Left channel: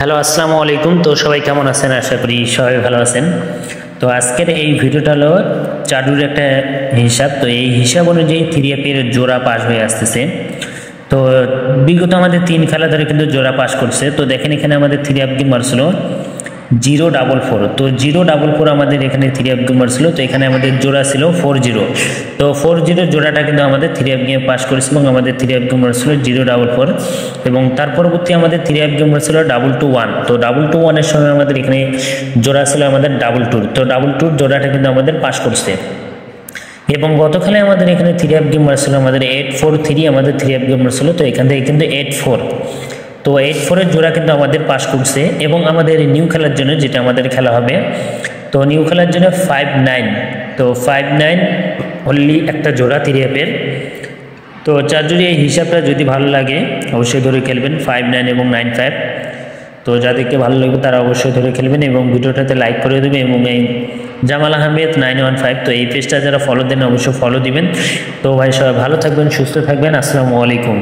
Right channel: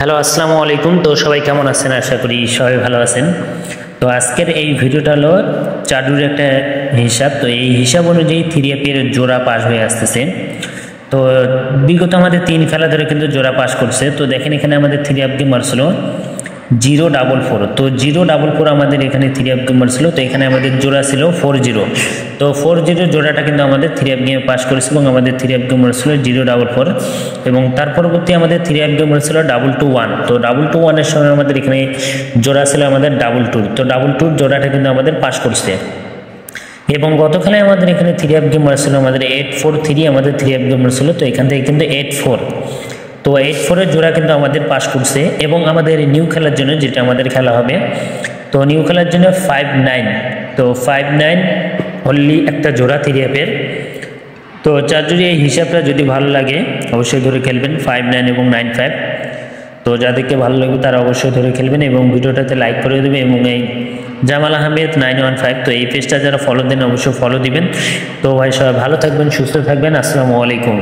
Hello, আসসালামু আলাইকুম। তো সবাই কেমন আছেন? আশা করি সবাই ভালো আছেন। তো আজকের এই ভিডিওটা হলো চাডুর একটা হিসাব। তো এই হিসাব অনুযায়ী 3F এর জোড়া পাস হয়ে আসতেছে। তো বিগত আমাদের 3 খেলা ধরে কিন্তু জোড়া পাস করছে। তো দেখেন এখানে আমাদের 3F গেমার ছিল 044। তো 044 আমাদের এখানে 3F গেমার ছিল। তো এখানে আমাদের জোড়া ছিল 40। তো 40 জোড়াটা কিন্তু আমাদের 3F গেম পাস করেছে এবং আমাদের 3F গেমার ছিল 044 এবং তার পরবর্তী আমাদের 3F গেমার ছিল 221। তো 221 এর সময় আমাদের এখানে জোড়া ছিল আমাদের 22। তো 22 জোড়াটা কিন্তু আমাদের পাস করছে এবং গত খেলায় আমাদের এখানে 3F গেমার ছিল আমাদের 843 আমাদের 3F গেমার ছিল। তো এখান থেকে কিন্তু 84। তো 84 এর জোড়া কিন্তু আমাদের পাস করছে এবং আমাদের নিউ খেলার জন্য যেটা আমাদের খেলা হবে, তো নিউ খেলার জন্য 59। তো 59 অনলি একটা জোড়া 3F এর। তো যার জন্য এই হিসাবটা যদি ভালো লাগে অবশ্যই ধরে খেলবেন 59 এবং 95। তো যাদেরকে ভালো লাগবে তারা অবশ্যই ধরে খেলবেন এবং ভিডিওটাতে লাইক করে দেবেন এবং এই জামাল আহমেদ 915, তো এই পেজটা যারা ফলো দেন অবশ্যই ফলো দিবেন। তো ভাই সবাই ভালো থাকবেন, সুস্থ থাকবেন। আসসালামু আলাইকুম।